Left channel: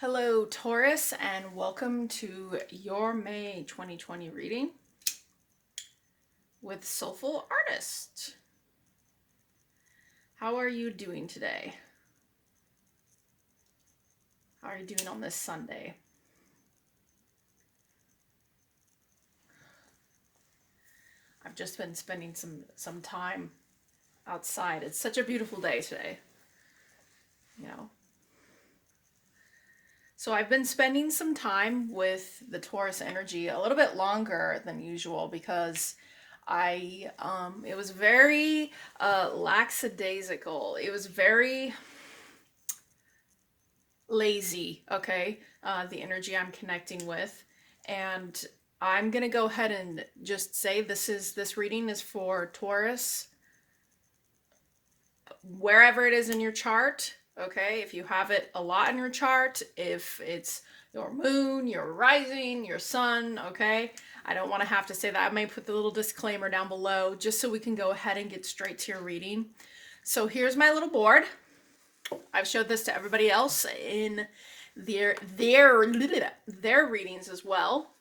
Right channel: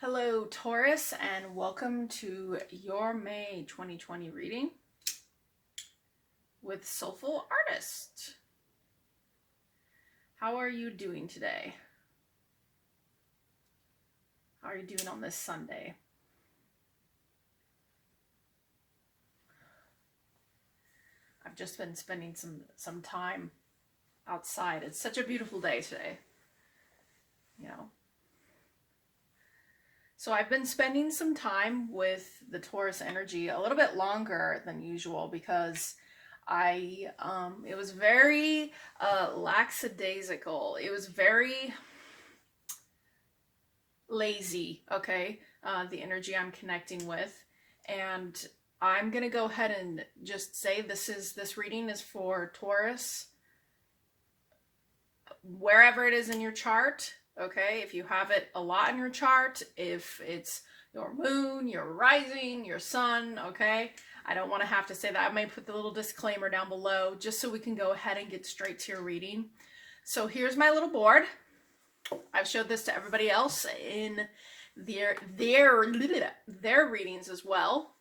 Hello, Taurus, and welcome to your May 2020 reading with Soulful Artist. How are you doing today? How are you doing on this Sunday? I've just been spending some time outside. It's such a beautiful day today, you know. So I've been spending some time with the Taurus energy a little bit longer than usual because it was very lackadaisical. It was very lazy, okay? The energy I'm connecting with. And I'm gonna go ahead and just say this reading is for Taurus wherever it is in your chart, okay? If you have it a lot in your chart, if it's your moon, your rising, your sun, okay? I don't want to have to say that. I may put the little disclaimer down below just so we can go ahead and get straight to your reading. So here's my little board. I've showed this to everybody else in their readings as well.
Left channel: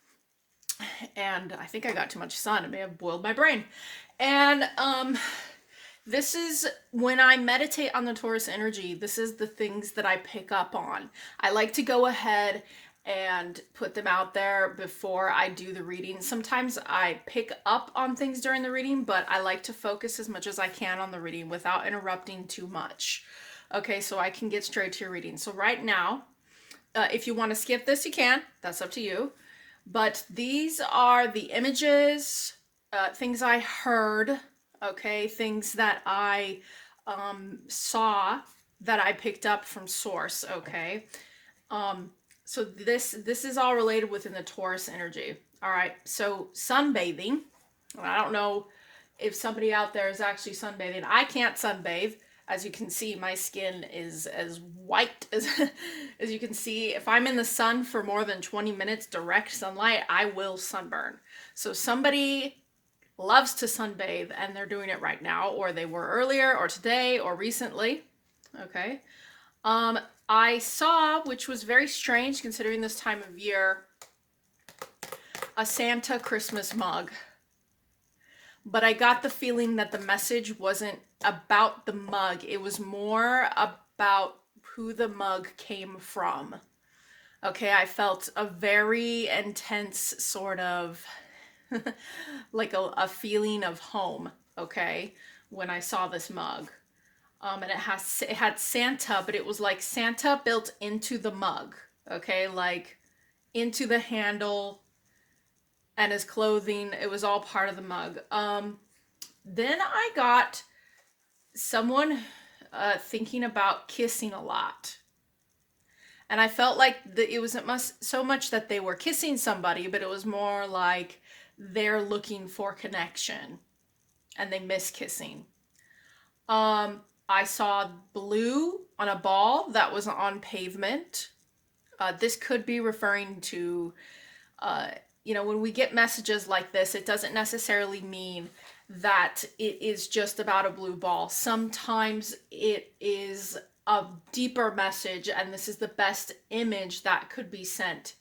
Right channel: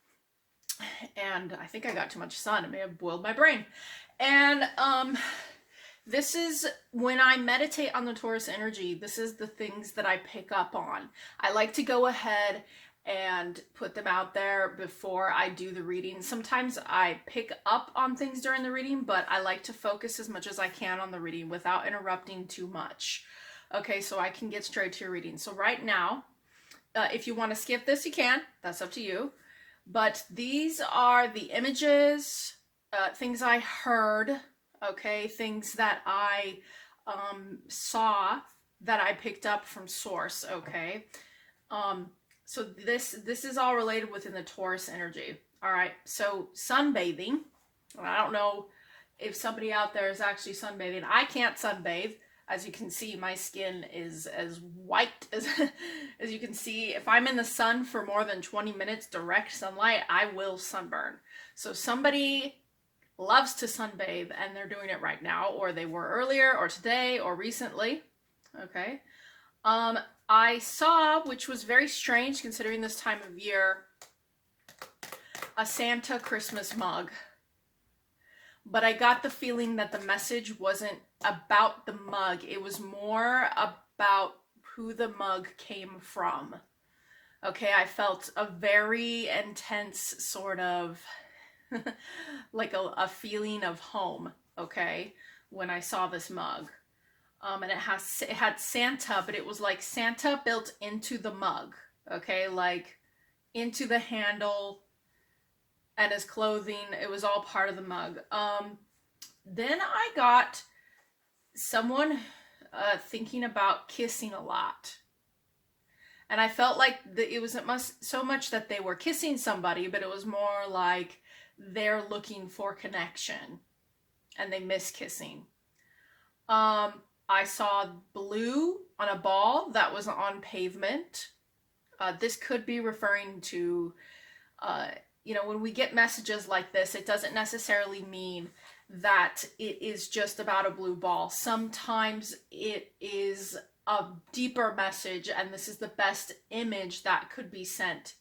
And I think I got too much sun. It may have boiled my brain. And this is when I meditate on the Taurus energy, this is the things that I pick up on. I like to go ahead and put them out there before I do the reading. Sometimes I pick up on things during the reading, but I like to focus as much as I can on the reading without interrupting too much. Okay, so I can get straight to your reading. So right now, if you want to skip this, you can. That's up to you. But these are the images, things I heard, okay, things that I saw that I picked up from source, okay. So this is all related within the Taurus energy. All right, so sunbathing. I don't know if somebody out there is actually sunbathing. I can't sunbathe. As you can see, my skin is as white as as you can see. If I'm in the sun for more than 20 minutes direct sunlight, I will sunburn. So somebody loves to sunbathe and they're doing it right now, or they were earlier or today or recently. Okay. I saw, which was very strange considering this time of year, a Santa Christmas mug. But I got the feeling that the message wasn't about the mug. It was more about who the mug came from. Okay, I felt a very intense sort of like a feeling of home, okay, when I saw this mug. And it had Santa, but it was like Santa built into the mug, okay, like into the handle and his clothing. It was all part of the mug. Then I got someone thinking about kissing a lot. And I felt like it wasn't so much that they were kissing somebody, but it was more like they're looking for connection and they miss kissing. I saw blue on a ball that was on pavement. This could be referring to, when we get messages like this, it doesn't necessarily mean that it is just about a blue ball. Sometimes it is a deeper message, and this is the best image that could be sent.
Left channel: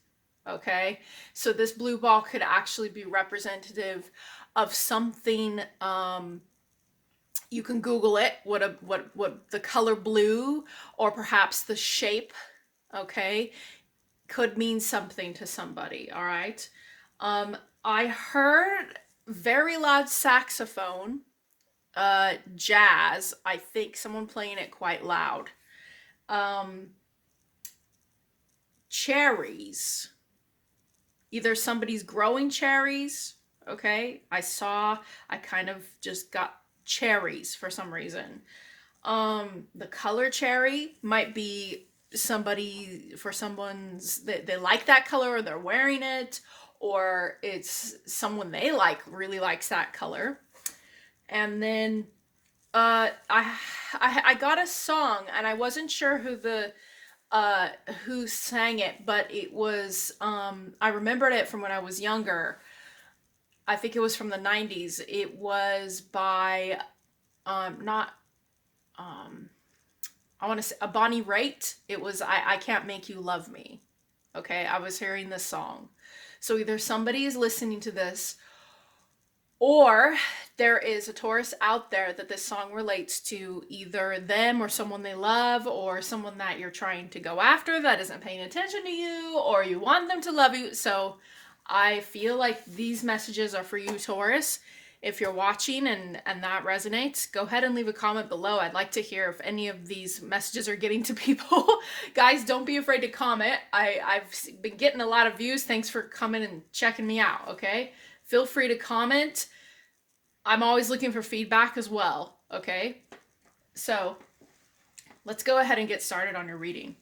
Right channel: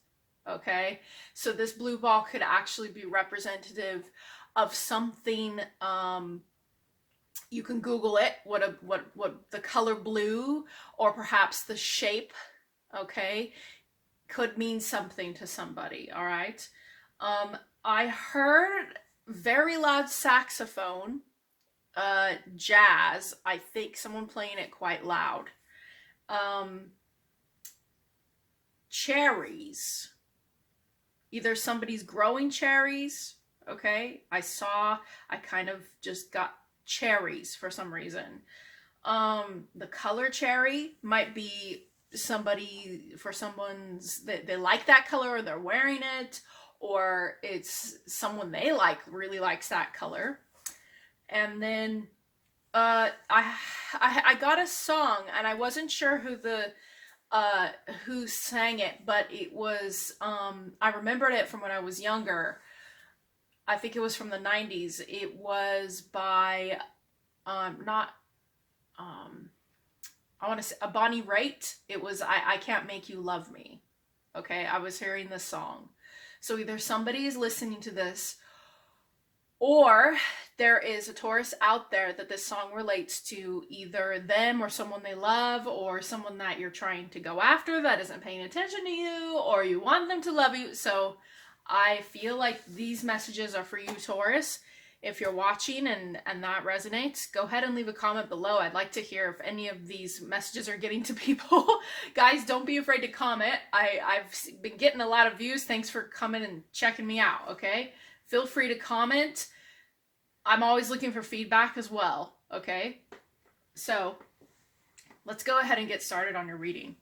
Okay, so this blue ball could actually be representative of something. You can Google it. What the color blue, or perhaps the shape, okay, could mean something to somebody. All right. I heard very loud saxophone, jazz. I think someone playing it quite loud. Cherries. Either somebody's growing cherries. Okay, I kind of just got cherries for some reason. The color cherry might be someone's they like that color, or they're wearing it, or it's someone they like really likes that color. And then I got a song, and I wasn't sure who sang it, but it was I remembered it from when I was younger. I think it was from the 90s. It was by not I want to say a Bonnie Raitt. It was I Can't Make You Love Me. Okay, I was hearing this song. So either somebody is listening to this, or there is a Taurus out there that this song relates to, either them or someone they love, or someone that you're trying to go after that isn't paying attention to you, or you want them to love you. So I feel like these messages are for you, Taurus. If you're watching and that resonates, go ahead and leave a comment below. I'd like to hear if any of these messages are getting to people. Guys, don't be afraid to comment. I've been getting a lot of views. Thanks for coming and checking me out, okay? Feel free to comment. I'm always looking for feedback as well, okay? So let's go ahead and get started on your reading.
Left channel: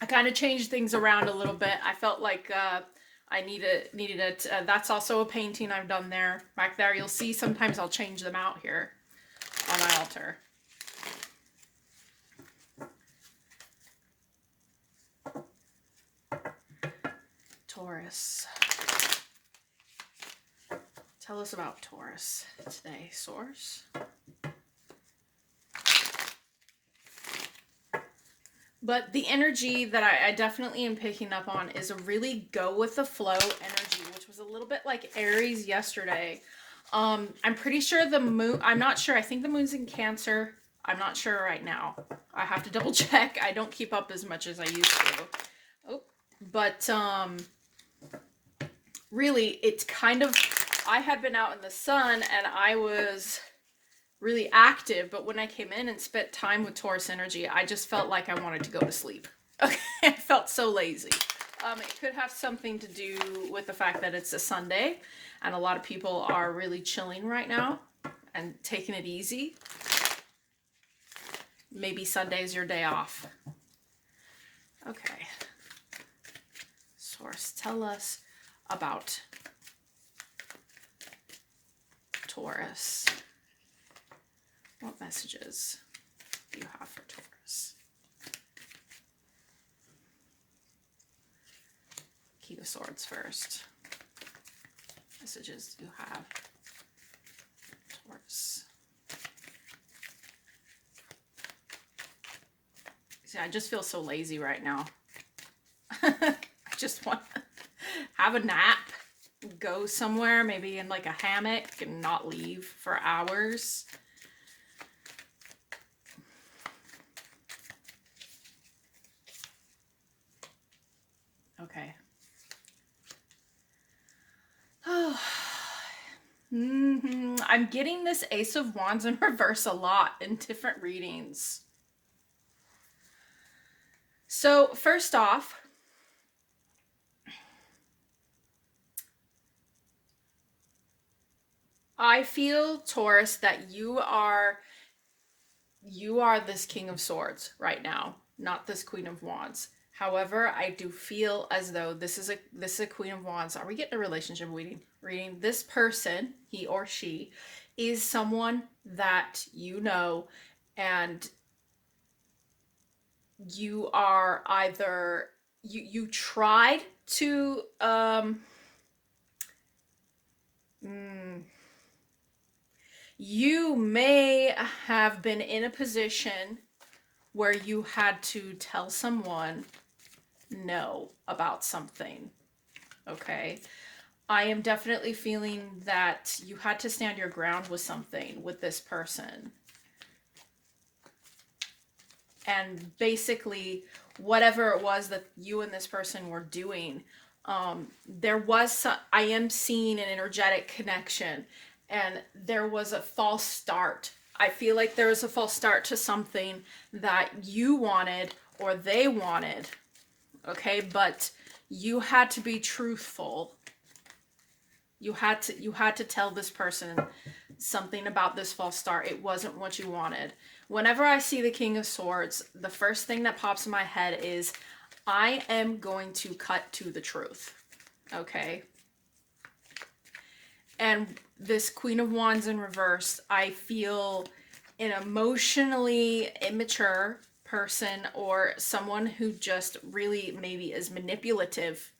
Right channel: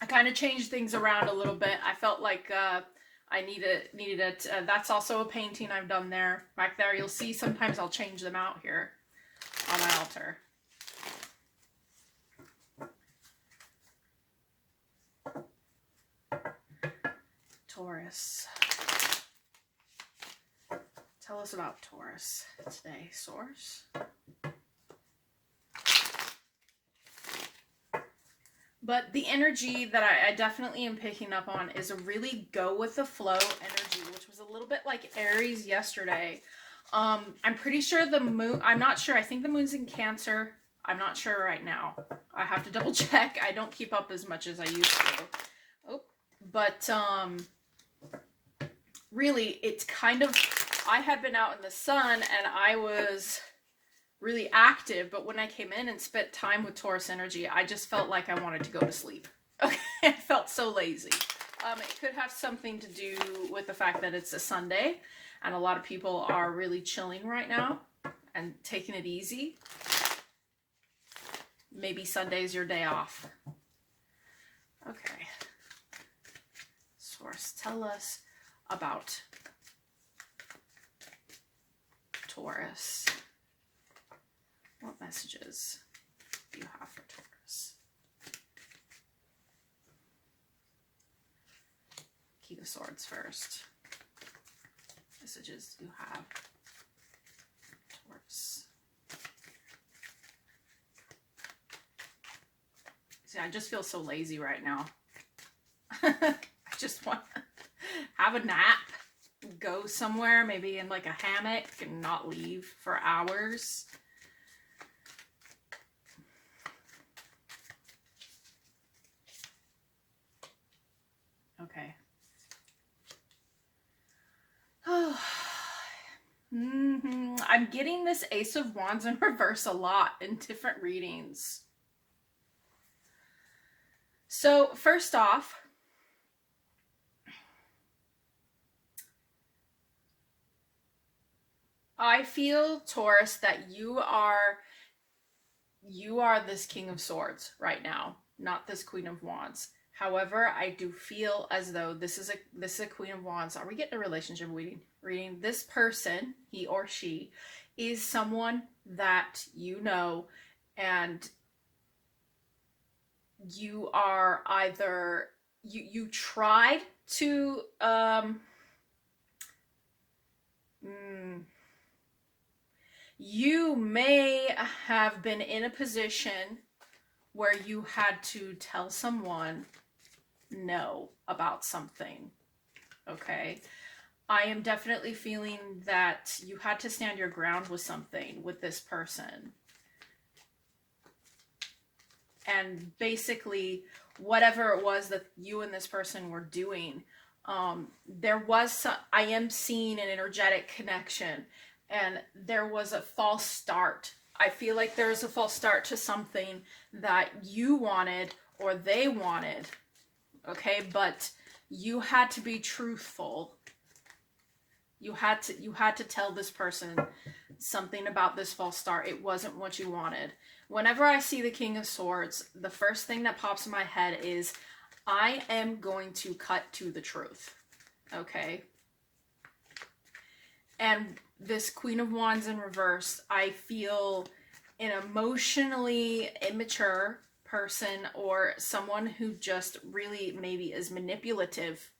I kind of changed things around a little bit. I felt like I needed it. That's also a painting I've done there. Back there, you'll see sometimes I'll change them out here on my altar. Taurus. Tell us about Taurus today, Source. But the energy that I definitely am picking up on is a really go with the flow energy, which was a little bit like Aries yesterday. I'm pretty sure the moon, I'm not sure. I think the moon's in Cancer. I'm not sure right now. I have to double check. I don't keep up as much as I used to. Oh, but really, it's kind of, I had been out in the sun and I was really active, but when I came in and spent time with Taurus energy, I just felt like I wanted to go to sleep. Okay, I felt so lazy. It could have something to do with the fact that it's a Sunday and a lot of people are really chilling right now and taking it easy. Maybe Sunday's your day off. Okay. Source, tell us about Taurus. What messages do you have for Taurus? King of Swords first. Messages do you have Taurus? See, I just feel so lazy right now. I just want to have a nap, go somewhere, maybe in like a hammock and not leave for hours. Okay. Oh. I'm getting this Ace of Wands in reverse a lot in different readings. So first off, I feel, Taurus, that you are this King of Swords right now, not this Queen of Wands. However, I do feel as though this is a Queen of Wands. Are we getting a relationship reading? This person, he or she, is someone that you know, and you are either you tried to you may have been in a position where you had to tell someone no about something. Okay. I am definitely feeling that you had to stand your ground with something with this person. And basically, whatever it was that you and this person were doing, there was some, I am seeing an energetic connection, and there was a false start. I feel like there was a false start to something that you wanted or they wanted. Okay, but you had to be truthful. You had to tell this person something about this false start. It wasn't what you wanted. Whenever I see the King of Swords, the first thing that pops in my head is, I am going to cut to the truth. Okay? And this Queen of Wands in reverse, I feel an emotionally immature person, or someone who just really maybe is manipulative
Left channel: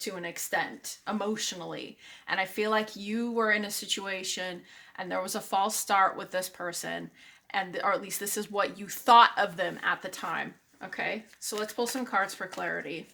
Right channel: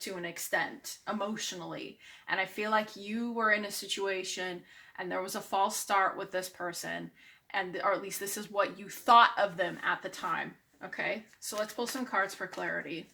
to an extent emotionally. And I feel like you were in a situation and there was a false start with this person, and or at least this is what you thought of them at the time. Okay, so let's pull some cards for clarity.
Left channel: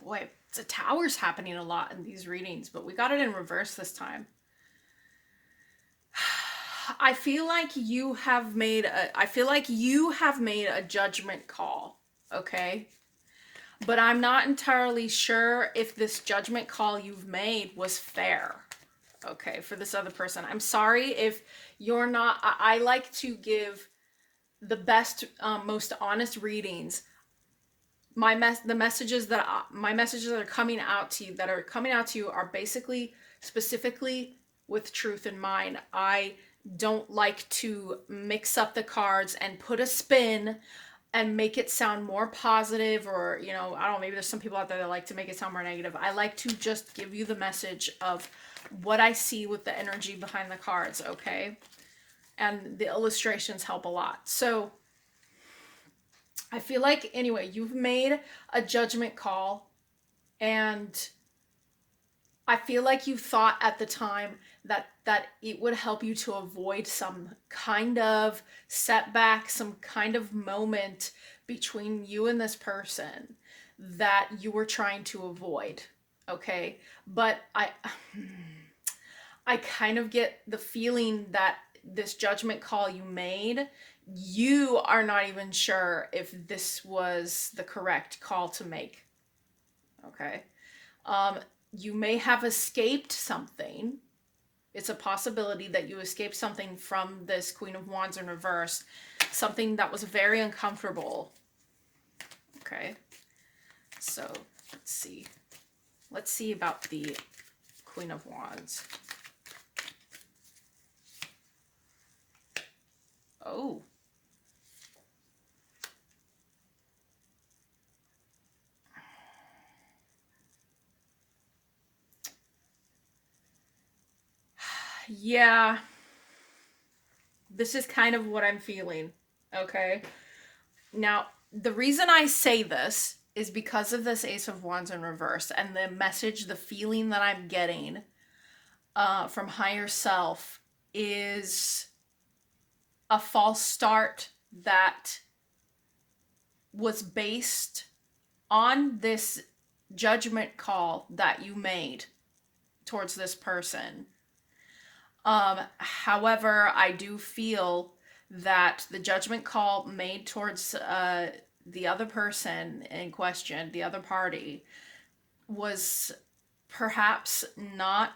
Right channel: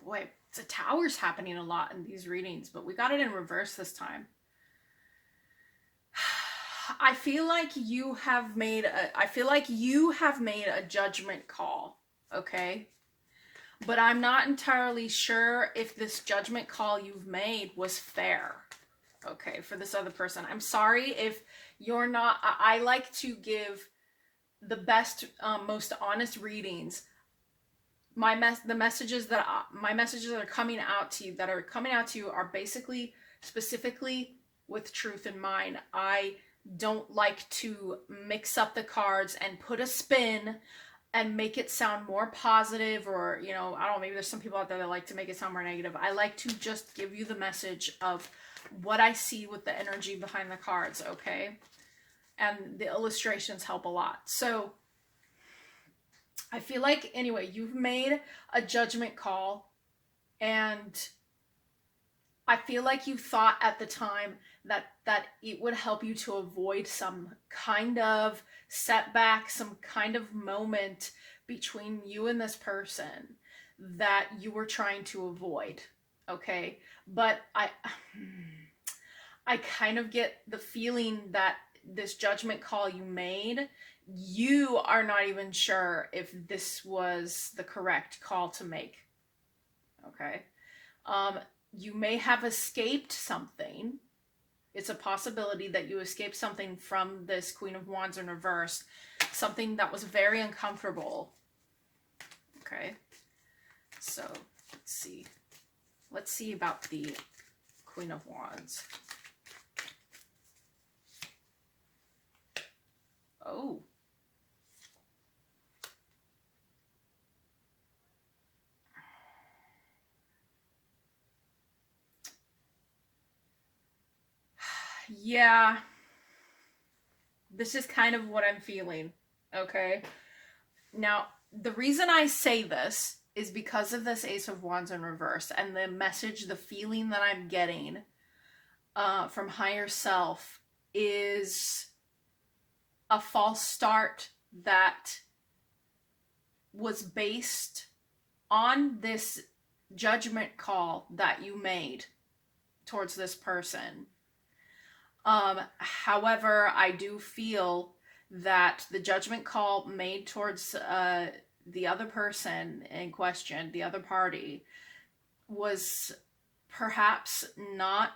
Boy, the Tower's happening a lot in these readings, but we got it in reverse this time. I feel like you have made a judgment call, okay? But I'm not entirely sure if this judgment call you've made was fair, okay, for this other person. I'm sorry if you're not. I like to give the best, most honest readings. My messages that are coming out to you are basically specifically with truth in mind. I don't like to mix up the cards and put a spin and make it sound more positive, or I don't know, maybe there's some people out there that like to make it sound more negative. I like to just give you the message of what I see with the energy behind the cards, okay? And the illustrations help a lot. So I feel like, anyway, you've made a judgment call, and I feel like you thought at the time that it would help you to avoid some kind of setback, some kind of moment between you and this person that you were trying to avoid, okay? But I kind of get the feeling that this judgment call you made, you are not even sure if this was the correct call to make, okay? You may have escaped something. It's a possibility that you escaped something from this Queen of Wands in reverse, something that was very uncomfortable, okay? So let's see. Let's see about the Queen of Wands. Oh. Yeah. This is kind of what I'm feeling, okay? Now, the reason I say this is because of this Ace of Wands in reverse and the message, the feeling that I'm getting from higher self is a false start that was based on this judgment call that you made towards this person. However, I do feel that the judgment call made towards the other person in question, the other party, was perhaps not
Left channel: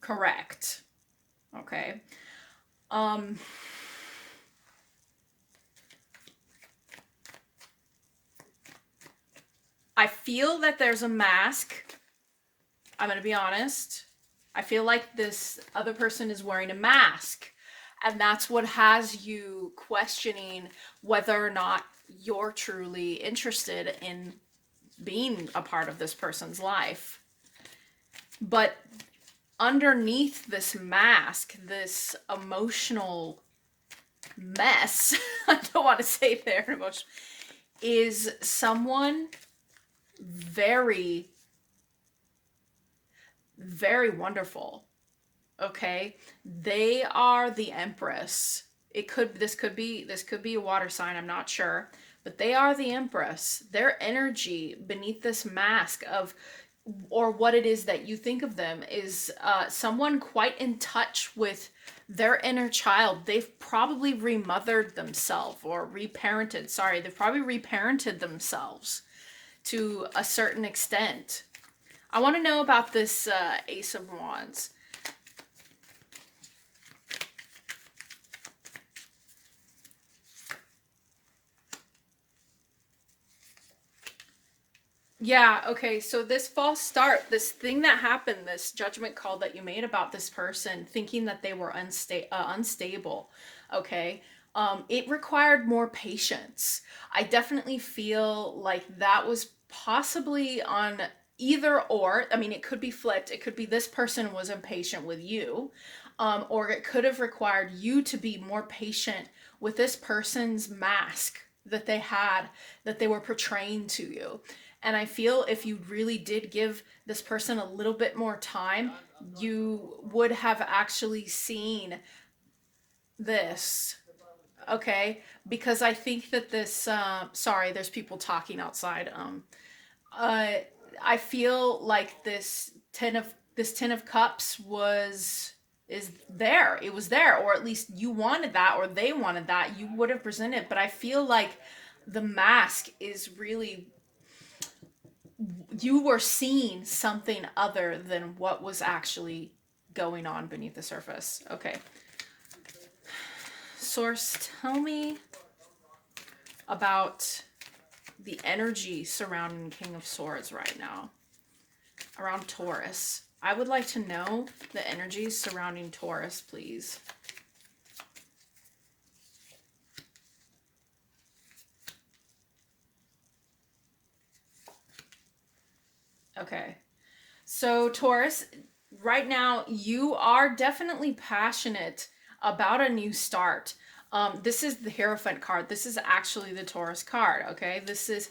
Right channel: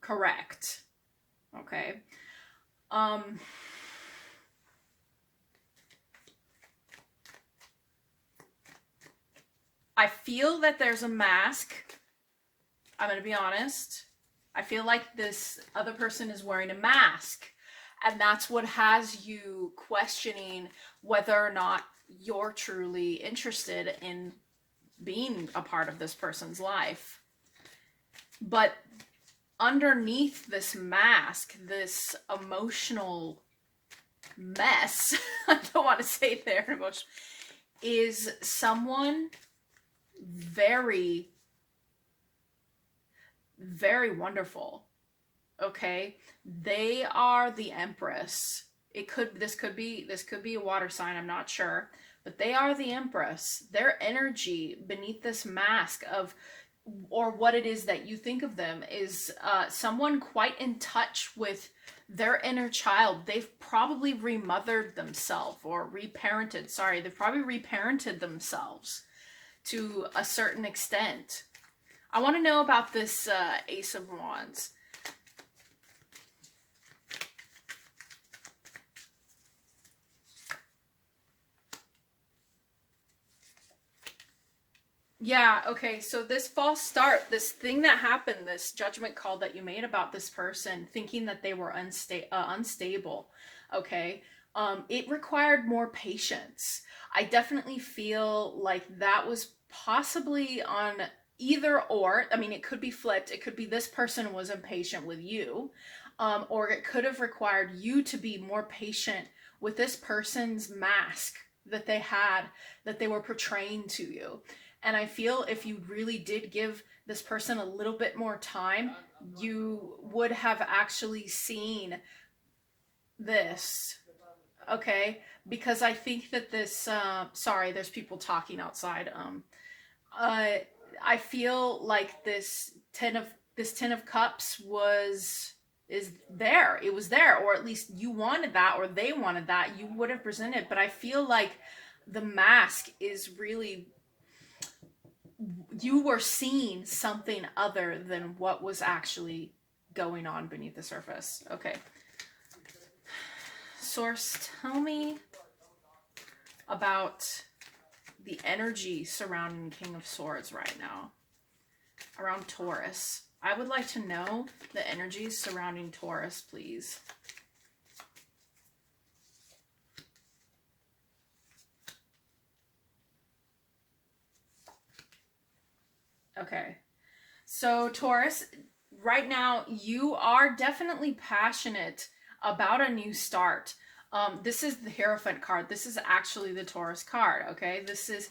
correct. Okay. I feel that there's a mask. I'm going to be honest. I feel like this other person is wearing a mask, and that's what has you questioning whether or not you're truly interested in being a part of this person's life. But underneath this mask, this emotional mess, I don't want to say there emotional, is someone very, very wonderful. Okay, they are the Empress. This could be a water sign, I'm not sure, but they are the Empress. Their energy beneath this mask of, or what it is that you think of them, is someone quite in touch with their inner child. They've probably remothered themselves or reparented. Sorry, they've probably reparented themselves to a certain extent. I want to know about this Ace of Wands. Yeah, okay, so this false start, this thing that happened, this judgment call that you made about this person, thinking that they were unstable, okay? It required more patience. I definitely feel like that was possibly on either or. I mean, it could be flipped. It could be this person was impatient with you, or it could have required you to be more patient with this person's mask that they had, that they were portraying to you. And I feel if you really did give this person a little bit more time, you would have actually seen this. Okay, because I think that this sorry, there's people talking outside. Uh I feel like this 10 of cups was is there. It was there, or at least you wanted that, or they wanted that. You would have presented, but I feel like the mask is really, you were seeing something other than what was actually going on beneath the surface. Okay. Source, tell me about the energy surrounding King of Swords right now, around Taurus. I would like to know the energies surrounding Taurus, please. Okay. So, Taurus, right now, you are definitely passionate about a new start. This is the Hierophant card. This is actually the Taurus card, okay? This is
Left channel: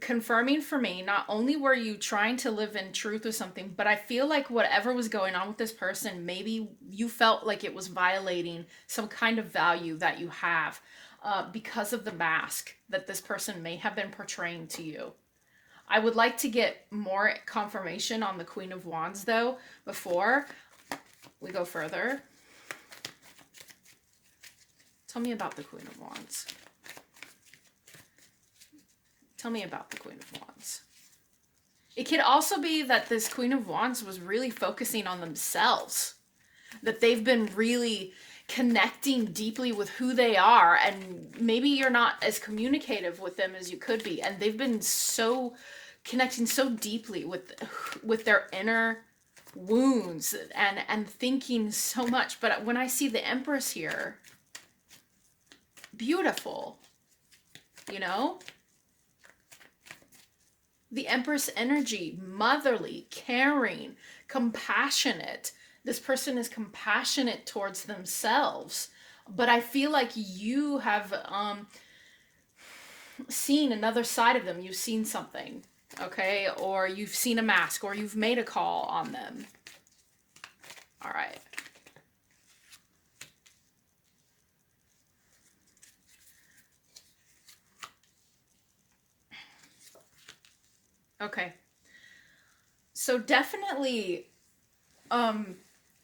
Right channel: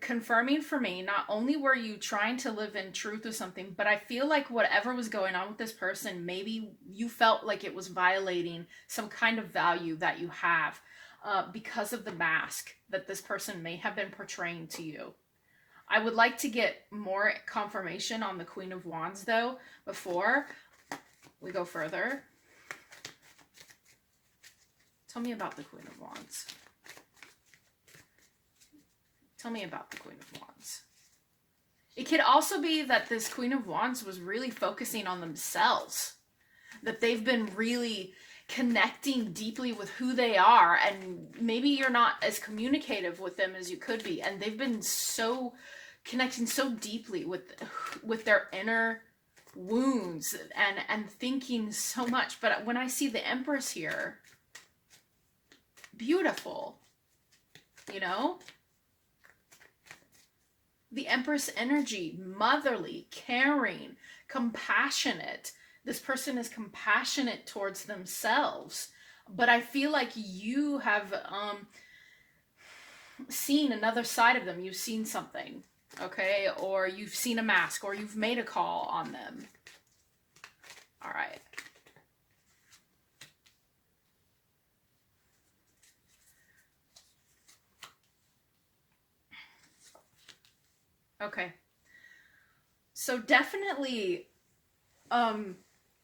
confirming for me, not only were you trying to live in truth with something, but I feel like whatever was going on with this person, maybe you felt like it was violating some kind of value that you have, because of the mask that this person may have been portraying to you. I would like to get more confirmation on the Queen of Wands, though, before we go further. Tell me about the Queen of Wands. Tell me about the Queen of Wands. It could also be that this Queen of Wands was really focusing on themselves, that they've been really connecting deeply with who they are, and maybe you're not as communicative with them as you could be, and they've been so connecting so deeply with their inner wounds and thinking so much. But when I see the Empress here, beautiful, you know, the Empress energy, motherly, caring, compassionate. This person is compassionate towards themselves, but I feel like you have seen another side of them. You've seen something, okay, or you've seen a mask, or you've made a call on them. All right. Okay. So definitely,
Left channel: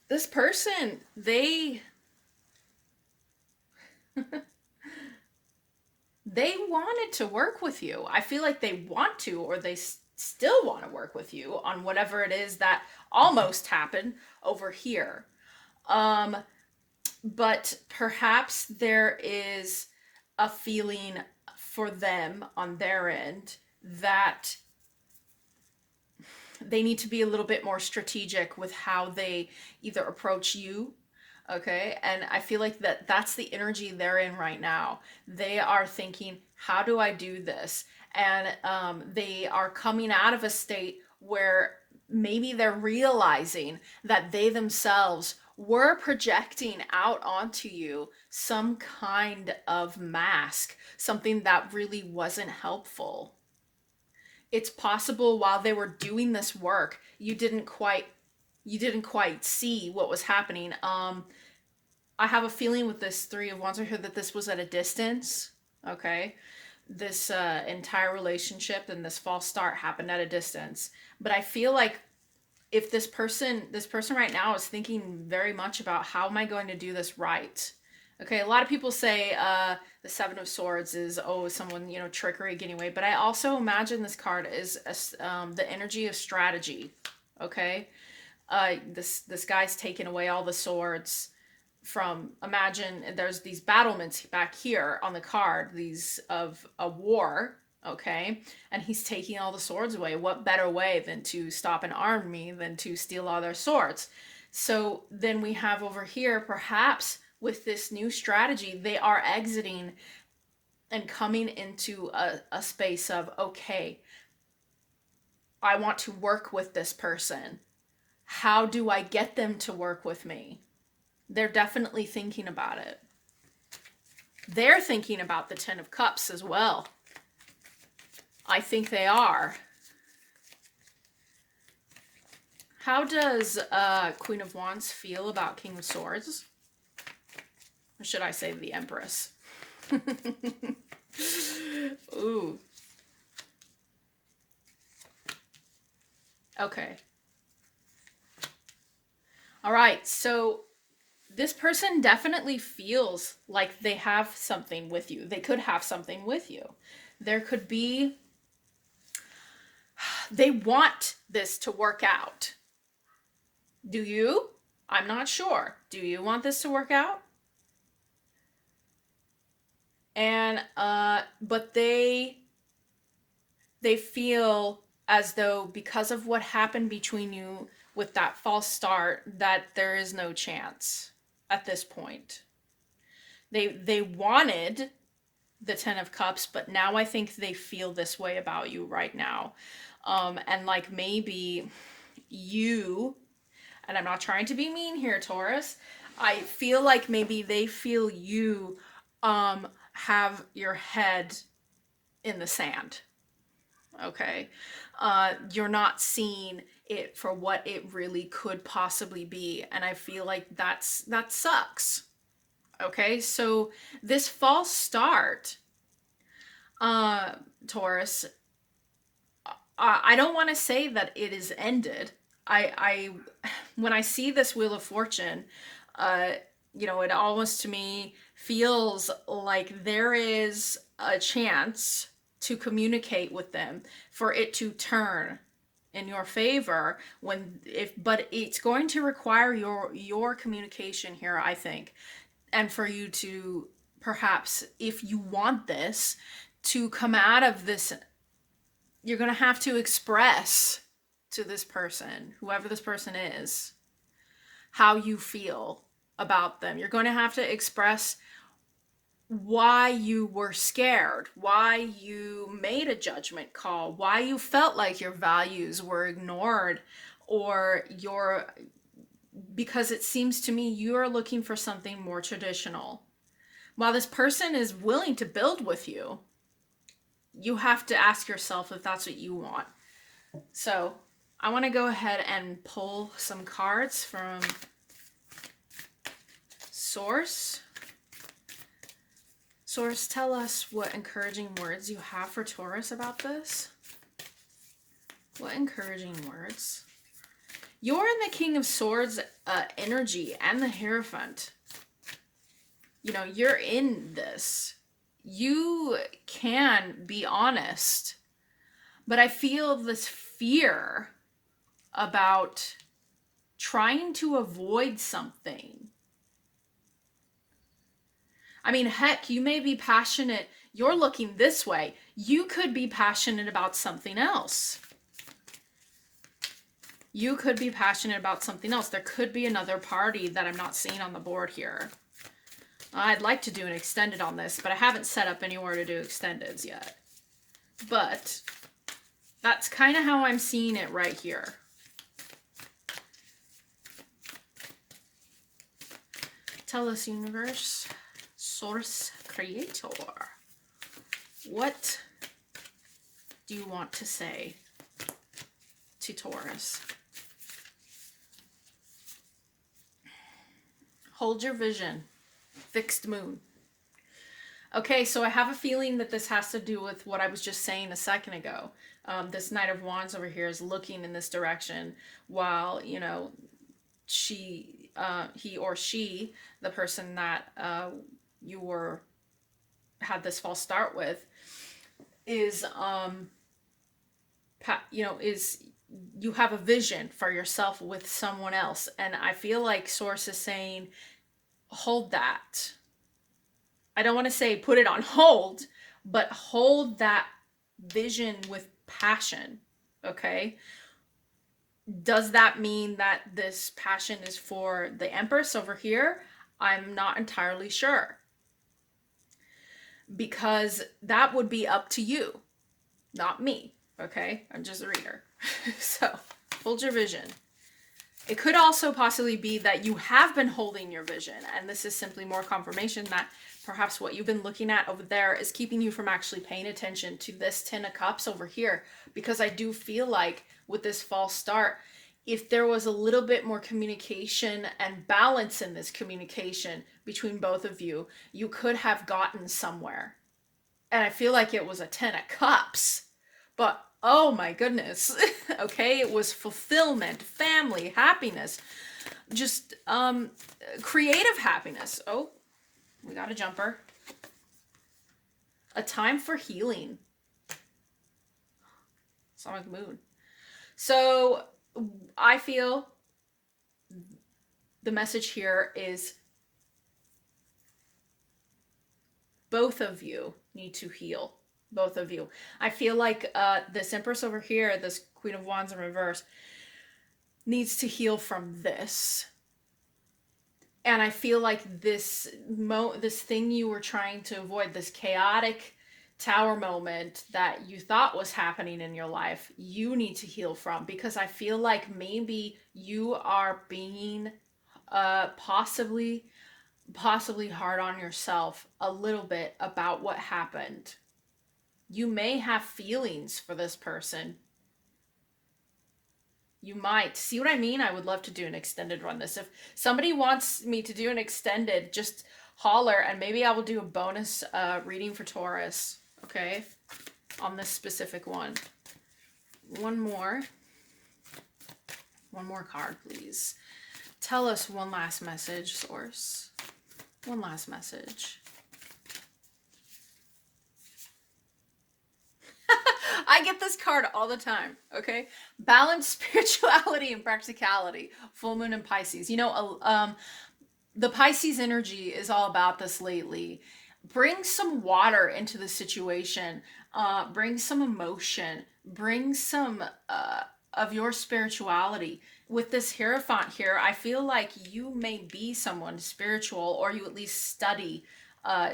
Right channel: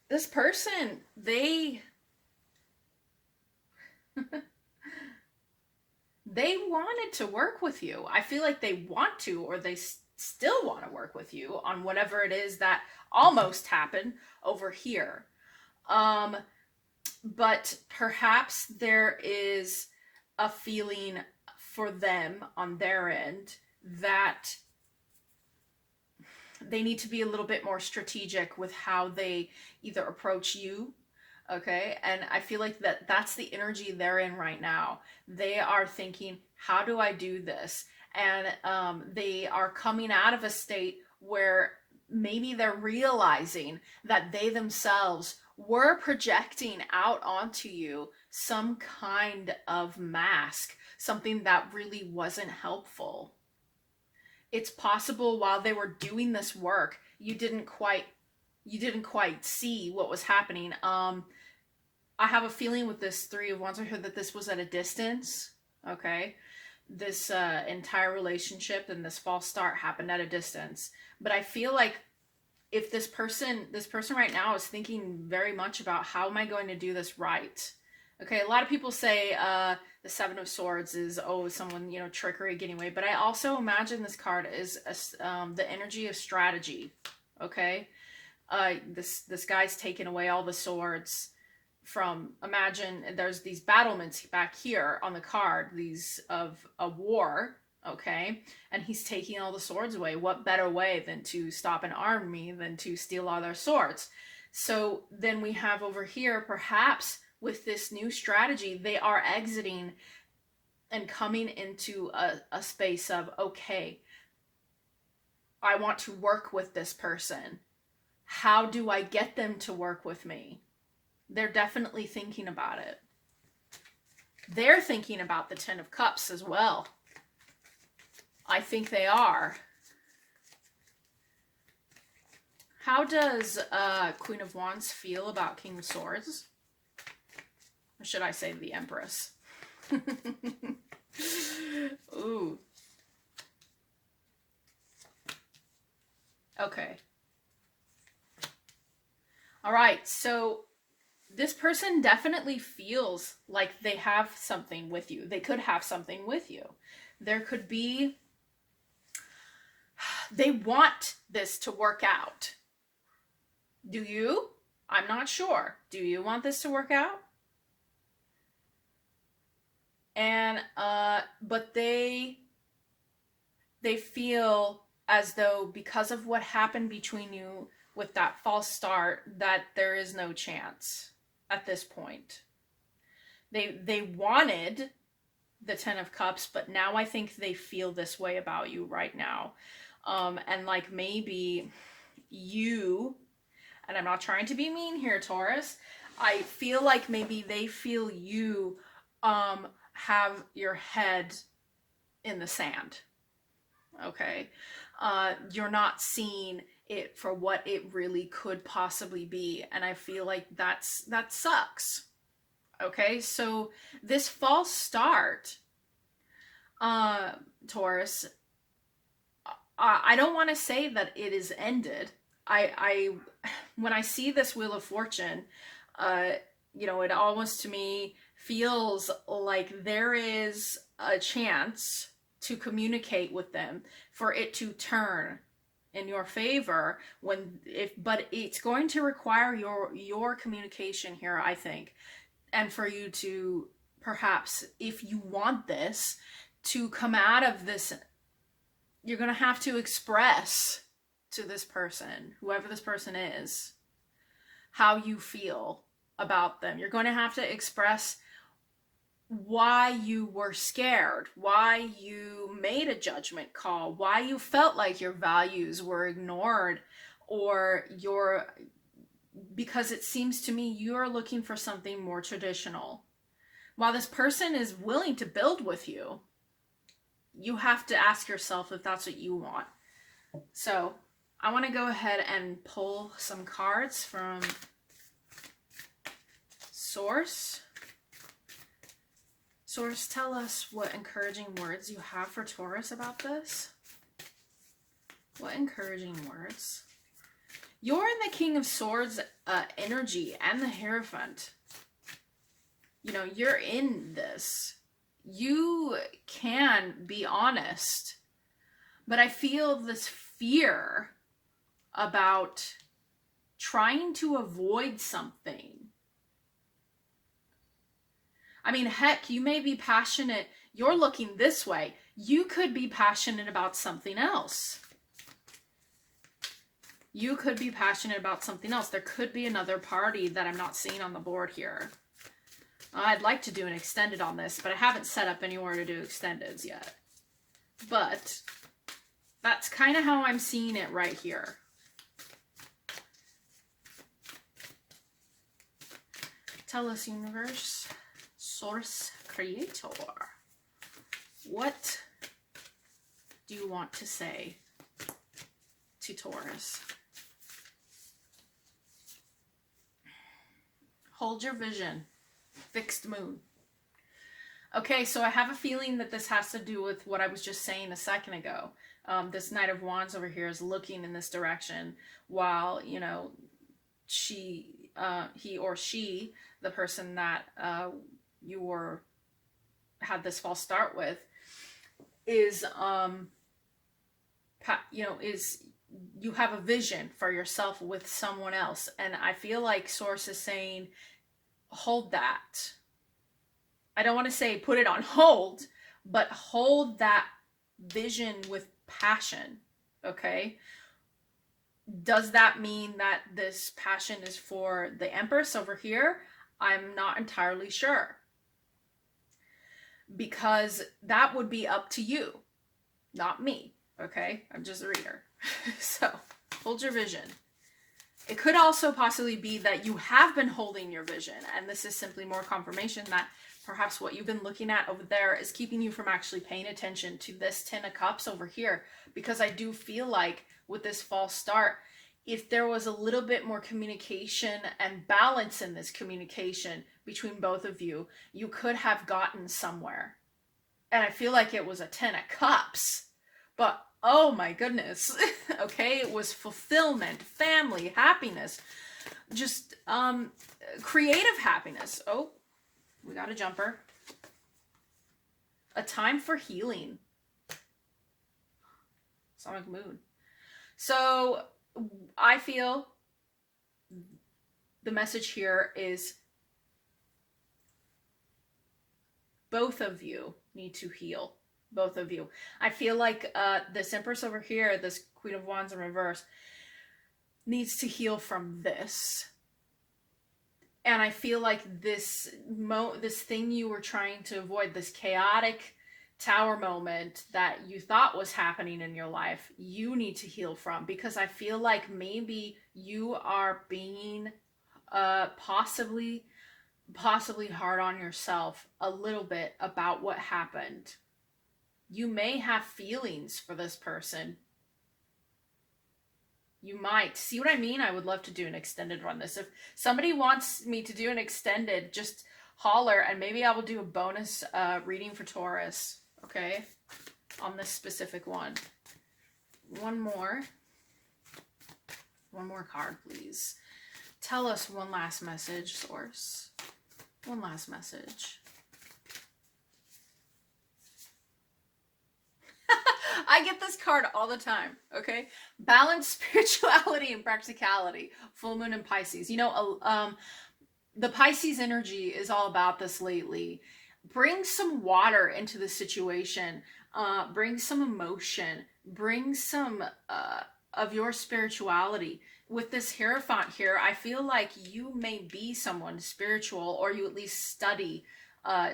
this person, they they wanted to work with you. I feel like they want to, or they still want to work with you on whatever it is that almost happened over here. Um, but perhaps there is a feeling for them on their end that they need to be a little bit more strategic with how they either approach you. Okay, and I feel like that's the energy they're in right now. They are thinking, how do I do this? And they are coming out of a state where maybe they're realizing that they themselves were projecting out onto you some kind of mask, something that really wasn't helpful. It's possible while they were doing this work, you didn't quite see what was happening. I have a feeling with this Three of Wands right here that this was at a distance. Okay, this entire relationship and this false start happened at a distance. But I feel like if this person right now is thinking very much about, how am I going to do this right? Okay, a lot of people say the Seven of Swords is, oh, someone, trickery, getting away. But I also imagine this card is the energy of strategy. Okay, this guy's taking away all the swords from, imagine there's these battlements back here on the card, these of a war, okay, and he's taking all the swords away. What better way than to stop an army than to steal all their swords? So then we have over here perhaps with this new strategy, they are exiting and coming into a space of, okay, I want to work with this person. How do I get them to work with me? They're definitely thinking about it. They're thinking about the Ten of Cups as well. I think they are. How does Queen of Wands feel about King of Swords? Or should I say the Empress? Ooh. Okay. All right, so this person definitely feels like they have something with you. They could have something with you. There could be, they want this to work out. Do you? I'm not sure. Do you want this to work out? And, but they feel as though because of what happened between you with that false start, that there is no chance at this point. They wanted the Ten of Cups, but now I think they feel this way about you right now. And like maybe you, and I'm not trying to be mean here, Taurus, I feel like maybe they feel you have your head in the sand. Okay. You're not seeing it for what it really could possibly be. And I feel like that sucks. Okay. So this false start, Taurus, I don't want to say that it is ended. I when I see this Wheel of Fortune, it almost to me feels like there is a chance to communicate with them, for it to turn in your favor, but it's going to require your communication here, I think, and for you to perhaps, if you want this to come out of this, you're going to have to express to this person, whoever this person is, how you feel about them. You're going to have to express why you were scared, why you made a judgment call, why you felt like your values were ignored, or because it seems to me you're looking for something more traditional. While this person is willing to build with you, you have to ask yourself if that's what you want. So I want to go ahead and pull some cards from Source. Source, tell us what encouraging words you have for Taurus about this. What encouraging words? You're in the King of Swords energy and the Hierophant. You're in this. You can be honest, but I feel this fear about trying to avoid something. I mean, heck, you may be passionate. You're looking this way. You could be passionate about something else. You could be passionate about something else. There could be another party that I'm not seeing on the board here. I'd like to do an extended on this, but I haven't set up anywhere to do extendeds yet. But that's kind of how I'm seeing it right here. Tell us, universe. Source creator. What do you want to say to Taurus? Hold your vision. Fixed moon. Okay, so I have a feeling that this has to do with what I was just saying a second ago. This Knight of Wands over here is looking in this direction while, he or she, the person that you had this false start with, is you have a vision for yourself with someone else, and I feel like Source is saying hold that. I don't want to say put it on hold, but hold that vision with passion. Okay, does that mean that this passion is for the Empress over here? I'm not entirely sure. Because that would be up to you, not me, okay? I'm just a reader. So, hold your vision. It could also possibly be that you have been holding your vision, and this is simply more confirmation that perhaps what you've been looking at over there is keeping you from actually paying attention to this Ten of Cups over here, because I do feel like with this false start, if there was a little bit more communication and balance in this communication between both of you, you could have gotten somewhere. And I feel like it was a Ten of Cups, but oh my goodness. Okay, it was fulfillment, family, happiness, just creative happiness. Oh, we got a jumper. A time for healing. Sonic mood. So I feel the message here is both of you need to heal. Both of you. I feel like this Empress over here, this Queen of Wands in reverse, needs to heal from this. And I feel like this thing you were trying to avoid, this chaotic tower moment that you thought was happening in your life, you need to heal from, because I feel like maybe you are being possibly hard on yourself a little bit about what happened. You may have feelings for this person. You might. See what I mean? I would love to do an extended run this. If somebody wants me to do an extended, just holler, and maybe I will do a bonus reading for Taurus, okay? On this specific one. One more card, please. Tell us one last message, Source. One last message. I get this card all the time, okay? Balance, spirituality, and practicality. Full moon in Pisces. You know, the Pisces energy is all about this lately. Bring some water into the situation. Bring some emotion. Bring some of your spirituality. With this Hierophant here, I feel like you may be someone spiritual, or you at least study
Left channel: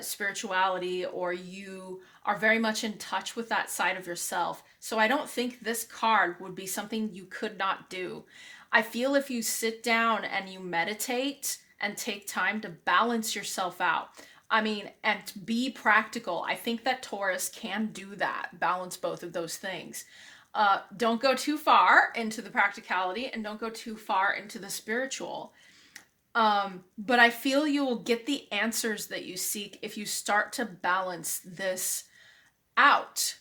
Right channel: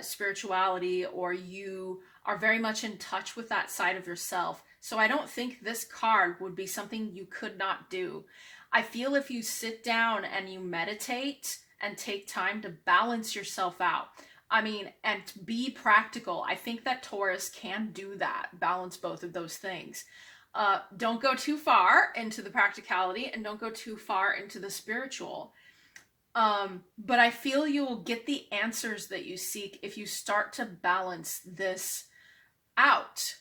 spirituality, or you are very much in touch with that side of yourself. So I don't think this card would be something you could not do. I feel if you sit down and you meditate and take time to balance yourself out, I mean, and be practical, I think that Taurus can do that, balance both of those things. Don't go too far into the practicality, and don't go too far into the spiritual. But I feel you will get the answers that you seek if you start to balance this out.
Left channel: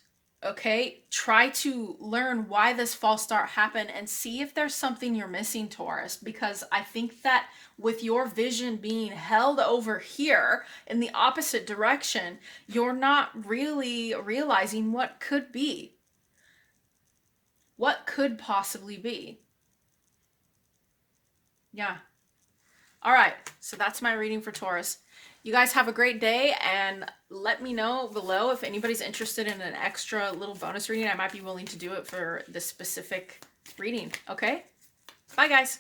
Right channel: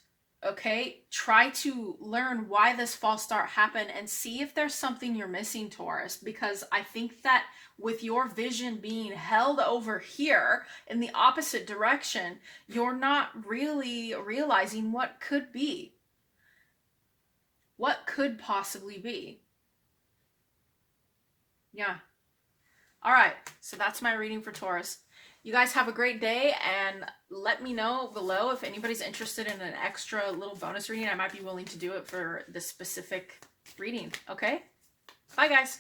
Okay? Try to learn why this false start happened and see if there's something you're missing, Taurus, because I think that with your vision being held over here in the opposite direction, you're not really realizing what could be. What could possibly be? Yeah. All right, so that's my reading for Taurus. You guys have a great day, and let me know below if anybody's interested in an extra little bonus reading. I might be willing to do it for this specific reading, okay? Bye, guys.